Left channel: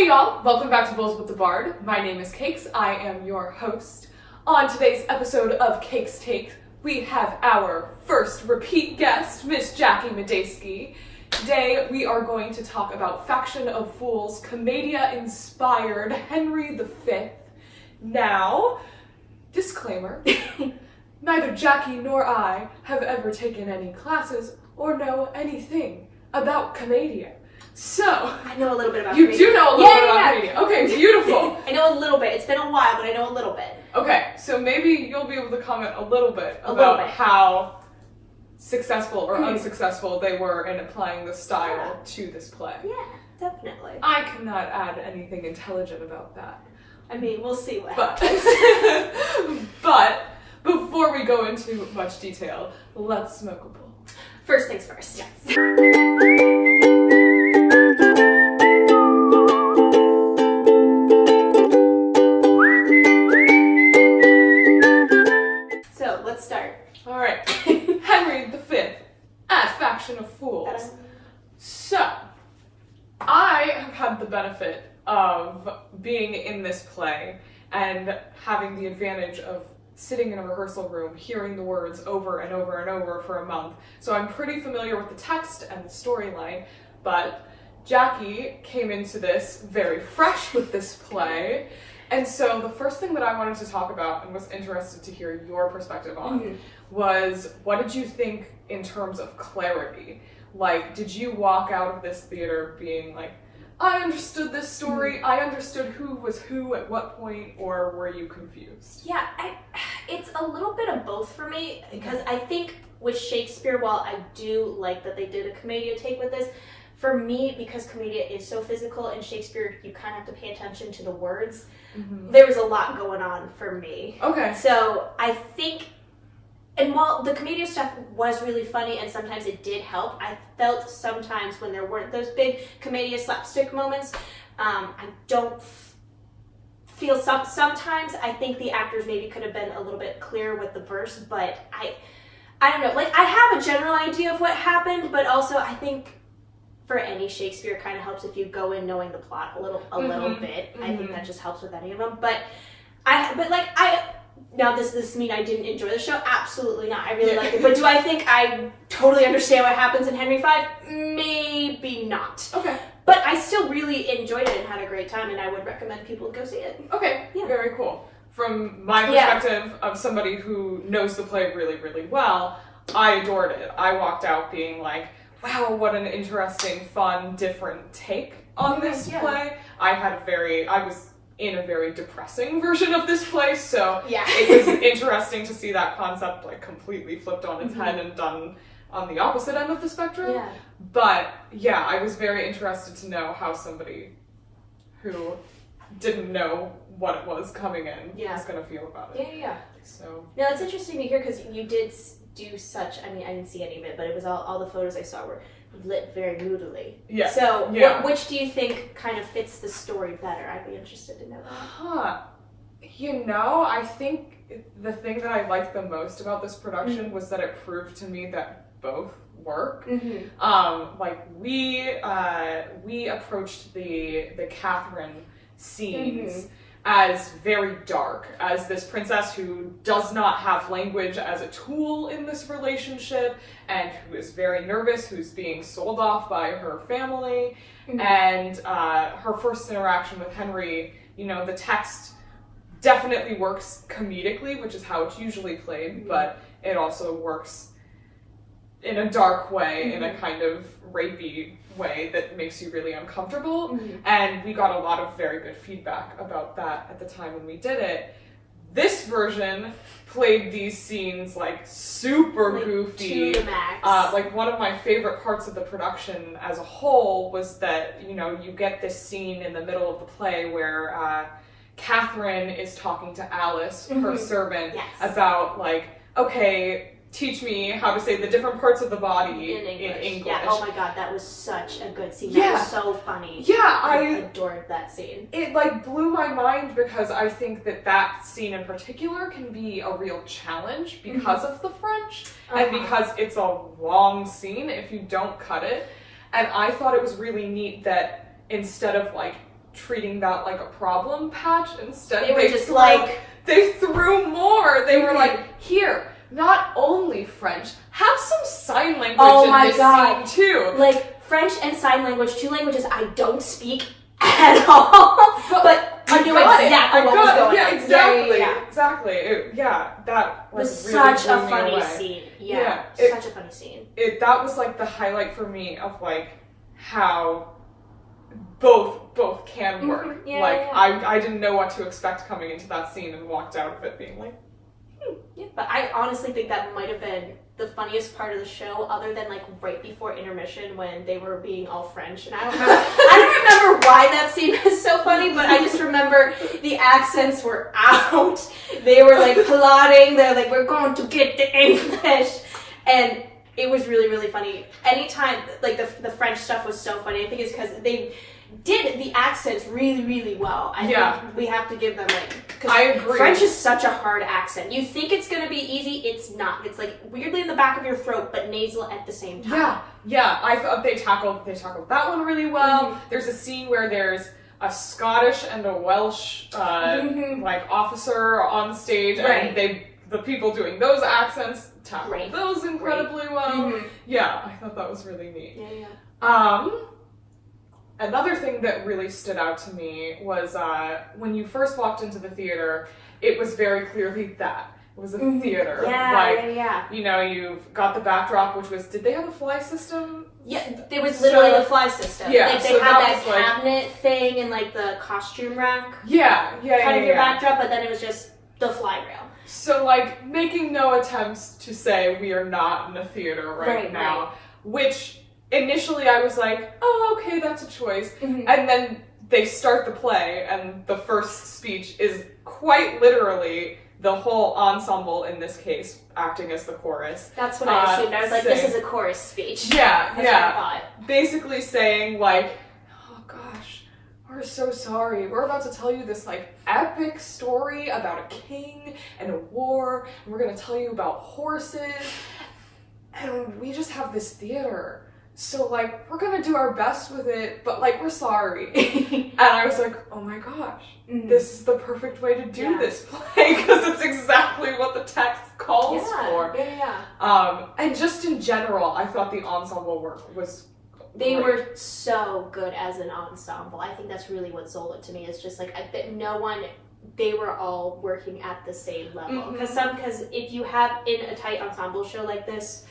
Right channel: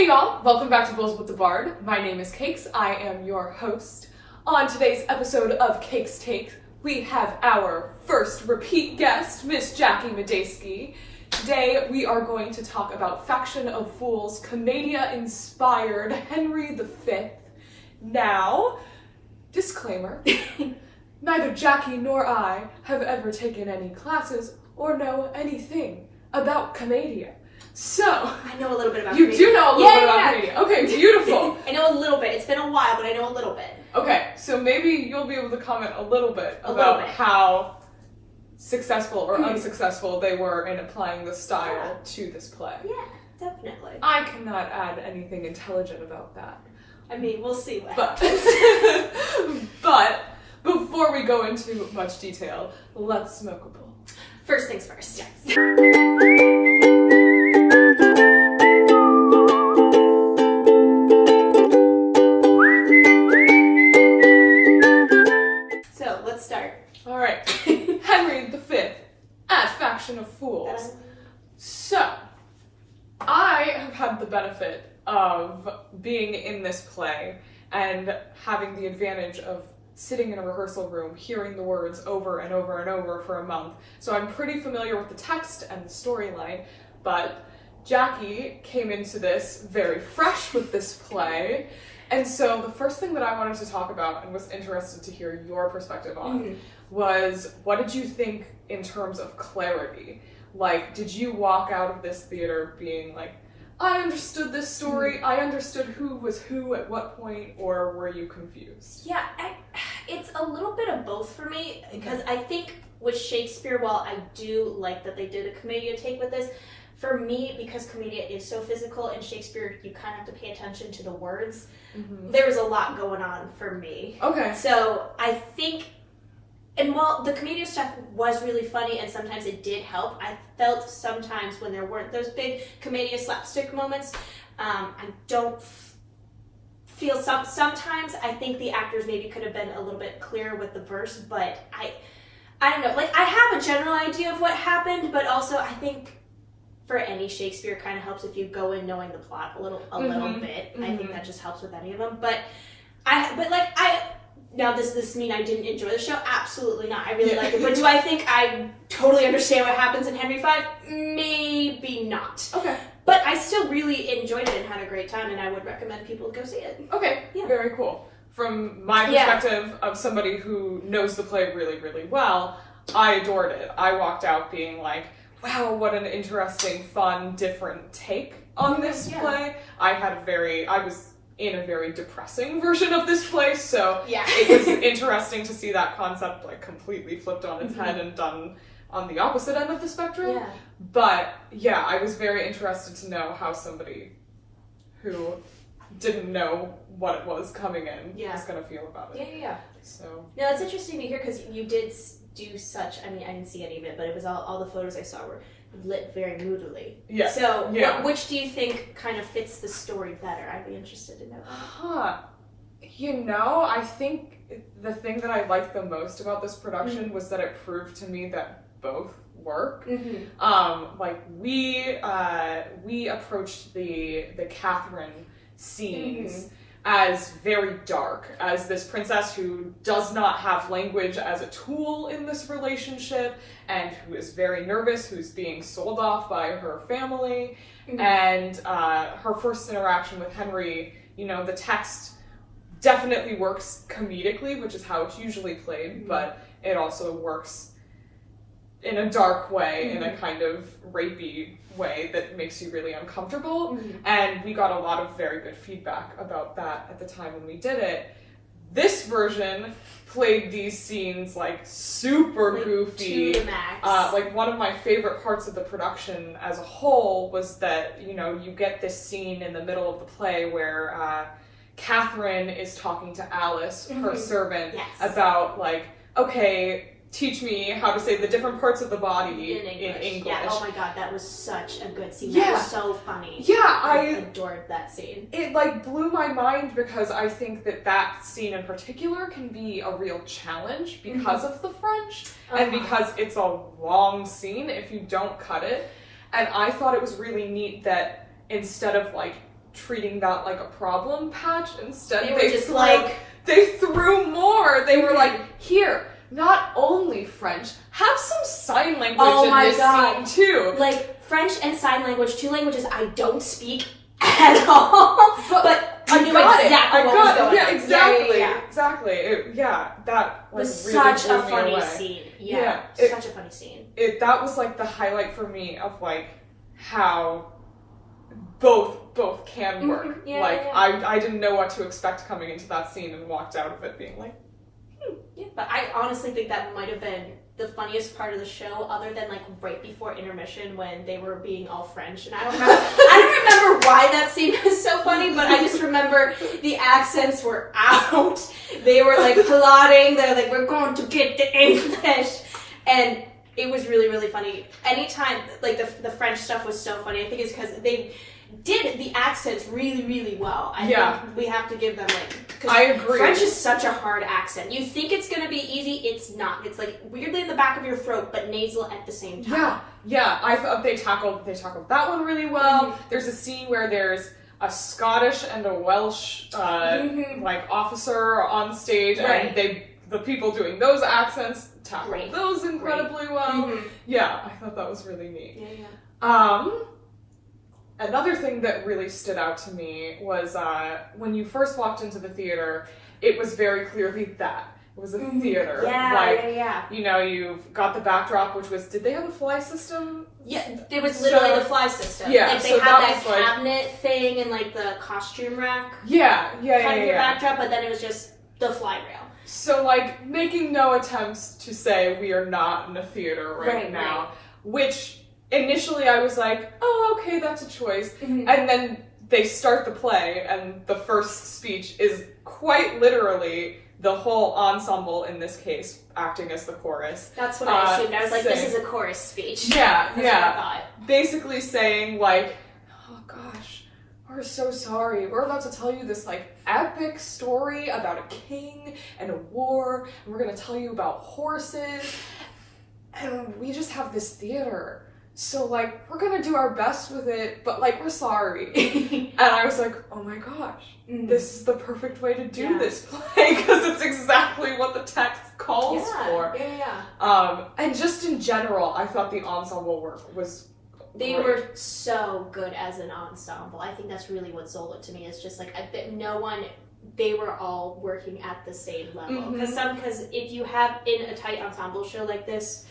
Hey y'all, welcome back to Bowls with the Bard. My name is Cakes, I am your host. On today's episode of Cakes Take, we have our first repeat guest, Miss Jackie Medeski. Today we are going to talk about Faction of Fools Comedia inspired Henry V. Now, disclaimer, neither Jackie nor I have ever taken any classes or know anything about Comedia. So, I know a little bit about you Comedia. do know a little bit about Comedia. Okay, beautiful. I know a little bit. It's been a while, but I know a little bit. Okay, so maybe you'll be able to comment a little bit about how successful or unsuccessful they were in applying the style to this play. Yeah, definitely. I cannot add anything intelligent about that. I mean, we'll see what happens. But before we go into much detail, let's smoke a bowl. First things first. Yes. So, let's start. All right. Henry V at Faction of Fools. So, I have had the benefit of being in this play and having the advantage of sitting in a rehearsal room, hearing the words over and over and over for a month. So I'm pretty familiar with the text and the storyline, but Jackie came into this very fresh with this play. And so the first thing that I wanted to talk about and was interested to hear your perspective on was, what did you think in terms of clarity? Like, did you walk out of this theater being like, I understood this story, I understood who was who at what point, or were you confused? Yeah, it's a little bit of both for me, because I think with Shakespeare, while I do like that they did a Comedia take with this, for me, because Comedia is so physical, and Shakespeare, you kind of have to pay attention to the words, there was a lot going on for me. Okay. So I think, and while the Comedia stuff was really funny and sometimes it did help, I felt sometimes when there weren't those big Comedia slapstick moments, I don't feel sometimes I think the actors maybe could have been a little bit clearer with the verse, but I don't know, like I have a general idea of what happened, but also I think for any Shakespeare, it kind of helps if you go in knowing the plot a little bit. I think that just helps with any of them. Now, does this mean I didn't enjoy the show? Absolutely not. I really liked it. But do I think I totally understand what happens in Henry V? Maybe not. Okay. But I still really enjoyed it and had a great time, and I would recommend people go see it. Okay, very cool. From my perspective of somebody who knows the play really, really well, I adored it. I walked out being like, wow, what an interesting, fun, different take on this play. I was in a very depressing version of this play, so it was interesting to see that concept like completely flipped on its head and done on the opposite end of the spectrum. Yeah. But yeah, I was very interested to know how somebody who didn't know what it was coming in was going to feel about it. Yeah. So now it's interesting to hear because you did do such, I mean, I didn't see any of it, but it was all the photos I saw were lit very moodily. Yeah. So which do you think kind of fits the story better? I'd be interested to know that. You know, I think the thing that I liked the most about this production was that it proved to me that both work. Like we approached the Catherine scenes as very dark, as this princess who does not have language as a tool in this relationship, and who is very nervous, who's being sold off by her family, and her first interaction with Henry, you know, the text definitely works comedically, which is how it's usually played, but it also works in a dark way, in a kind of rapey way that makes you really uncomfortable. And we got a lot of very good feedback about that at the time when we did it. This version played these scenes like super goofy. To the max. Like one of my favorite parts of the production as a whole was that, you know, you get this scene in the middle of the play where Catherine is talking to Alice, her servant, about like, okay, teach me how to say the different parts of the body in English. Yeah, oh my god, that was such a good scene. That was so funny. Yeah, I adored that scene. It like blew my mind because I think that scene in particular can be a real challenge because of the French and because it's a long scene if you don't cut it. And I thought it was really neat that instead of like treating that like a problem patch. Instead, they were just like... They threw more. They were like, here, not only French, have some sign language in this scene too. Like, French and sign language, 2 languages I don't speak at all. But I knew exactly what was going on. Yeah, exactly. Yeah. Exactly. That was really such a funny away. Scene. Such a funny scene. That was like the highlight for me of like how both can work. I didn't know what to expect coming into that scene and walked out of it being like, Yeah, but I honestly think that might have been the funniest part of the show, other than like right before intermission when they were being all French. And I don't remember why that scene was so funny, but I just remember the accents were out. They were like plotting. They're like, we're going to get the English, and it was really, really funny. Anytime like the French stuff was so funny. I think it's because they did the accents really, really well. I think we have to give them I agree. French is such a hard accent. You think it's gonna be easy, it's not. It's like weirdly in the back of your throat, but nasal at the same time. Yeah. I thought they tackled that one really well. There's a scene where there's a Scottish and a Welsh like officer on stage, and the people doing those accents tackled those incredibly well. Yeah, I thought that was really neat. Another thing that really stood out to me was when you first walked into the theater, it was very clearly that. It was a theater. You know, you've got the backdrop, which was, did they have a fly system? Yeah, it was literally the fly system. Yeah, they had that cabinet thing and like the costume rack. Kind of the backdrop, but then it was just the fly rail. So like making no attempts to say we are not in a theater right now, which initially I was like, oh, okay, that's a choice. And then they start the play, and the first speech is quite literally the whole ensemble, in this case, acting as the chorus. That's what I assumed. I was like, this is a chorus speech. That's what I thought. Basically saying like, oh gosh, we're so sorry. We're about to tell you this like epic story about a king and a war, and we're going to tell you about horses, and we just have this theater. So, like, we're gonna do our best with it, but, like, we're sorry. And I was like, oh my gosh, this is the perfect way to do this play, because it's exactly what the text calls for. And just in general, I thought the ensemble work was They were so good as an ensemble. I think that's really what sold it to me. It's just, like, they were all working at the same level. Because if you have in a tight ensemble show like this,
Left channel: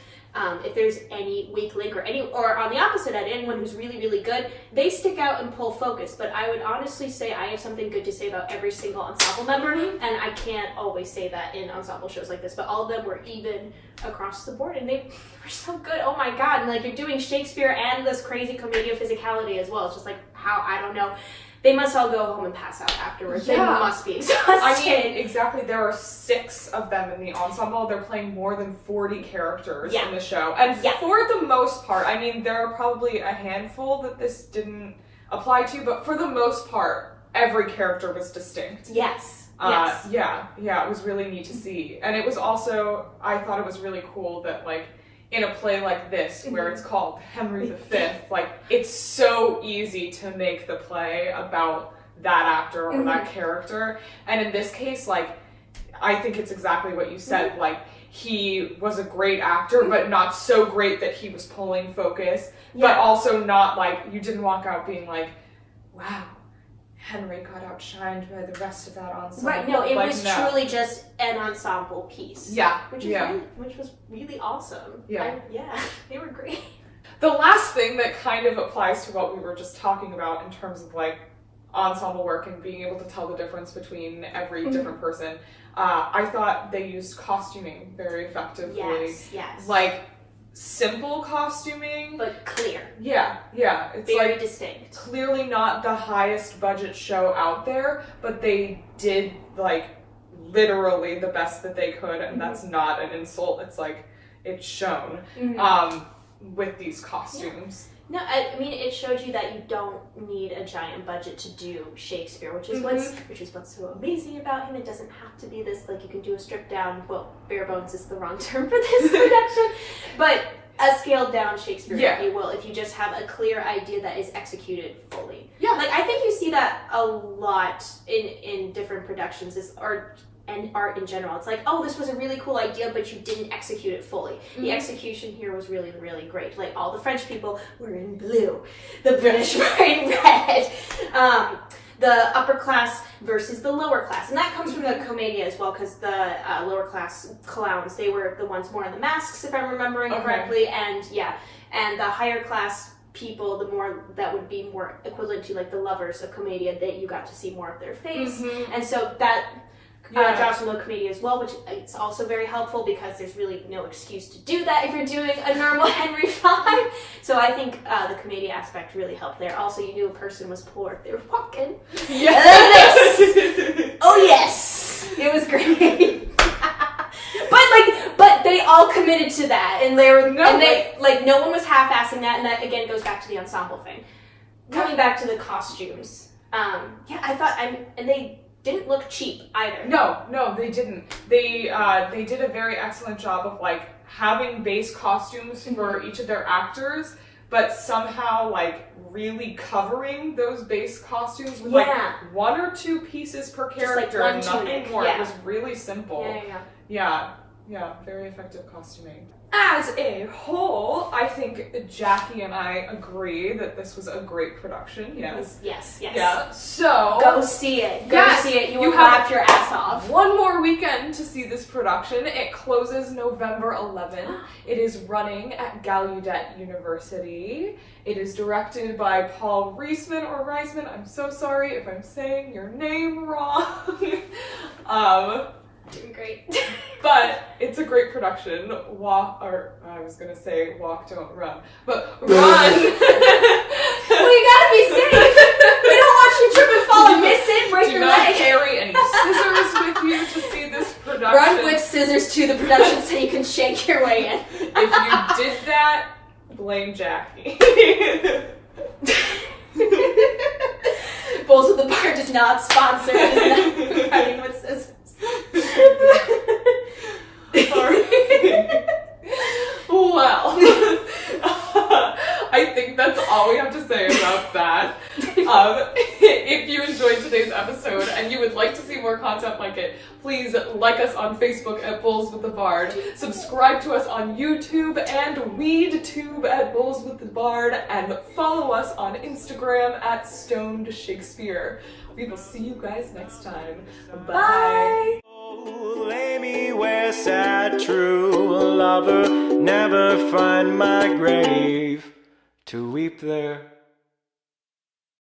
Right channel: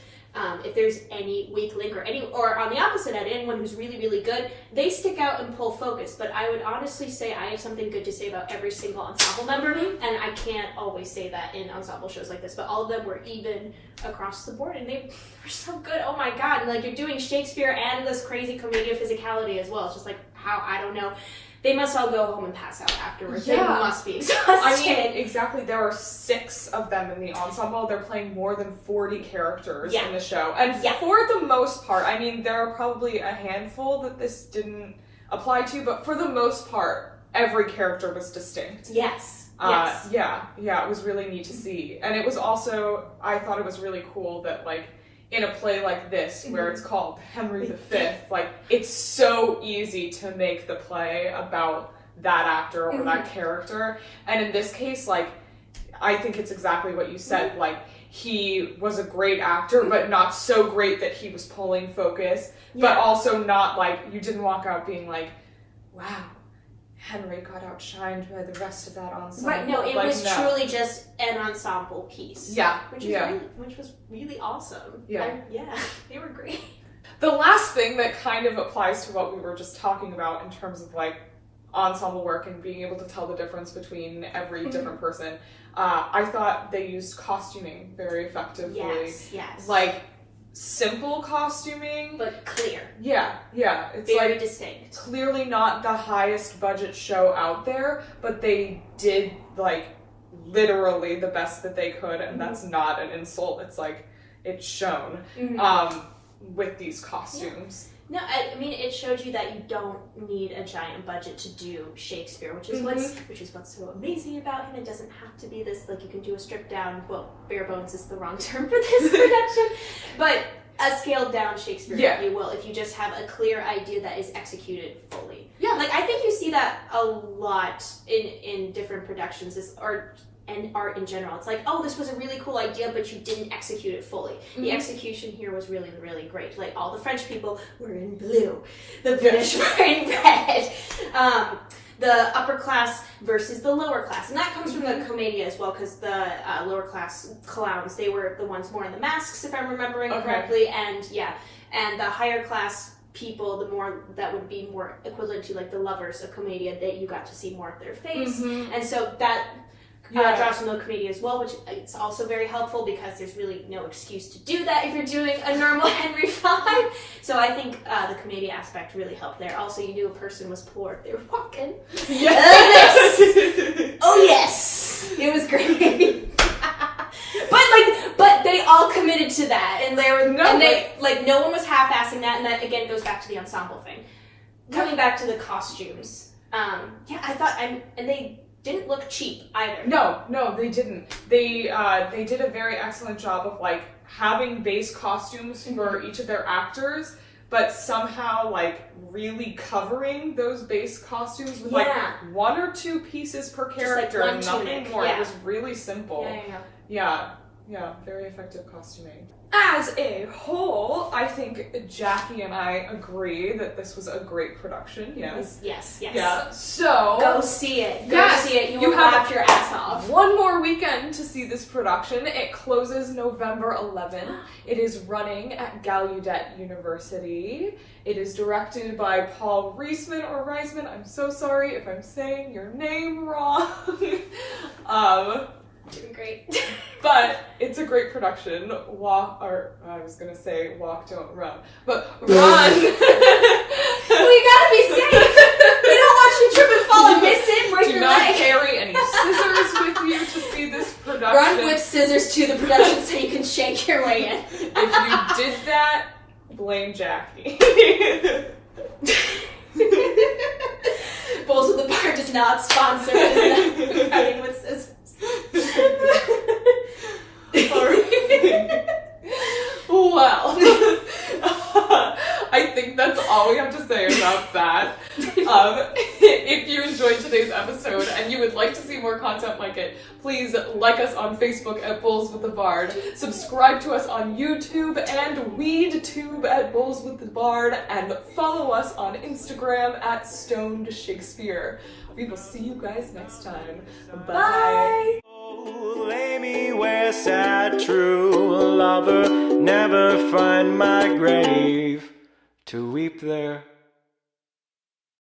if there's any weak link or on the opposite end, anyone who's really, really good, they stick out and pull focus. But I would honestly say I have something good to say about every single ensemble member, and I can't always say that in ensemble shows like this, but all of them were even across the board, and they were so good. Oh my god. And like, you're doing Shakespeare and this crazy commedia physicality as well. It's just like, how, I don't know. They must all go home and pass out afterwards. They must be exhausted. I mean, exactly. There are 6 of them in the ensemble. They're playing more than 40 characters in the show. And for the most part, I mean, there are probably a handful that this didn't apply to, but for the most part, every character was distinct. Yes. Yeah, it was really neat to see. And it was also, I thought it was really cool that, like, in a play like this, where it's called Henry V, like, it's so easy to make the play about that actor or that character. And in this case, like, I think it's exactly what you said. Like, he was a great actor, but not so great that he was pulling focus, but also not, like, you didn't walk out being like, wow, Henry got outshined by the rest of that ensemble. Right, no, it was truly just an ensemble piece. Which was really awesome. They were great. The last thing that kind of applies to what we were just talking about in terms of like ensemble work and being able to tell the difference between every different person, I thought they used costuming very effectively. Yes. Like, simple costuming, but clear. It's very like distinct. Clearly not the highest budget show out there, but they did like literally the best that they could, and that's not an insult. It's like, it's shown with these costumes. No, I mean, it showed you that you don't need a giant budget to do Shakespeare, which is what's so amazing about him. It doesn't have to be this, like, you can do a stripped down, well, bare bones is the wrong term for this production, but a scaled down Shakespeare, Yeah. if you will, if you just have a clear idea that is executed fully. Yeah. Like, I think you see that a lot in different productions, and art in general. It's like, oh, this was a really cool idea, but you didn't execute it fully. Mm-hmm. The execution here was really, really great. Like, all the French people were in blue, the British were in red. The upper class versus the lower class. And that comes from the Commedia as well, because the lower class clowns, they were the ones more in the masks, if I'm remembering correctly. And and the higher class people, the more that would be more equivalent to like the lovers of Commedia, that you got to see more of their face. And so that draws from the Commedia as well, which it's also very helpful because there's really no excuse to do that if you're doing a normal Henry V. So I think the Commedia aspect really helped there. Also, you knew a person was poor if they were walking. Yes! Oh yes! It was great. But they all committed to that, and they were no one was half-assing that, and that again goes back to the ensemble thing. Coming back to the costumes, I thought and they didn't look cheap either. No, they didn't. They did a very excellent job of like having base costumes for each of their actors, but somehow like really covering those base costumes with like one or two pieces per character, like and nothing tunic. more. It was really simple. Yeah, very effective costuming. As a whole, I think Jackie and I agree that this was a great production. Yes. Yeah. So go see it. Go see it. You will laugh your ass off. One more weekend to see this production. It closes November 11th. It is running at Galluadet University. It is directed by Paul Reisman or Reisman. I'm so sorry if I'm saying your name wrong. Doing great. But it's a great production. Walk, don't run. But run! Well, you gotta be safe. We don't want you to trip and fall and miss it, break your leg. Do not carry any scissors with you to see this production. Run with scissors to the production so you can shank your way in. If you did that, blame Jackie. Bowls of the Bar does not sponsor running with scissors. Well, I think that's all we have to say about that. If you enjoyed today's episode and you would like to see more content like it, please like us on Facebook at Bowls with the Bard, subscribe to us on YouTube and WeedTube at Bowls with the Bard, and follow us on Instagram at Stoned Shakespeare. We will see you guys next time. Bye. Lay me where sad true lover never find my grave to weep there.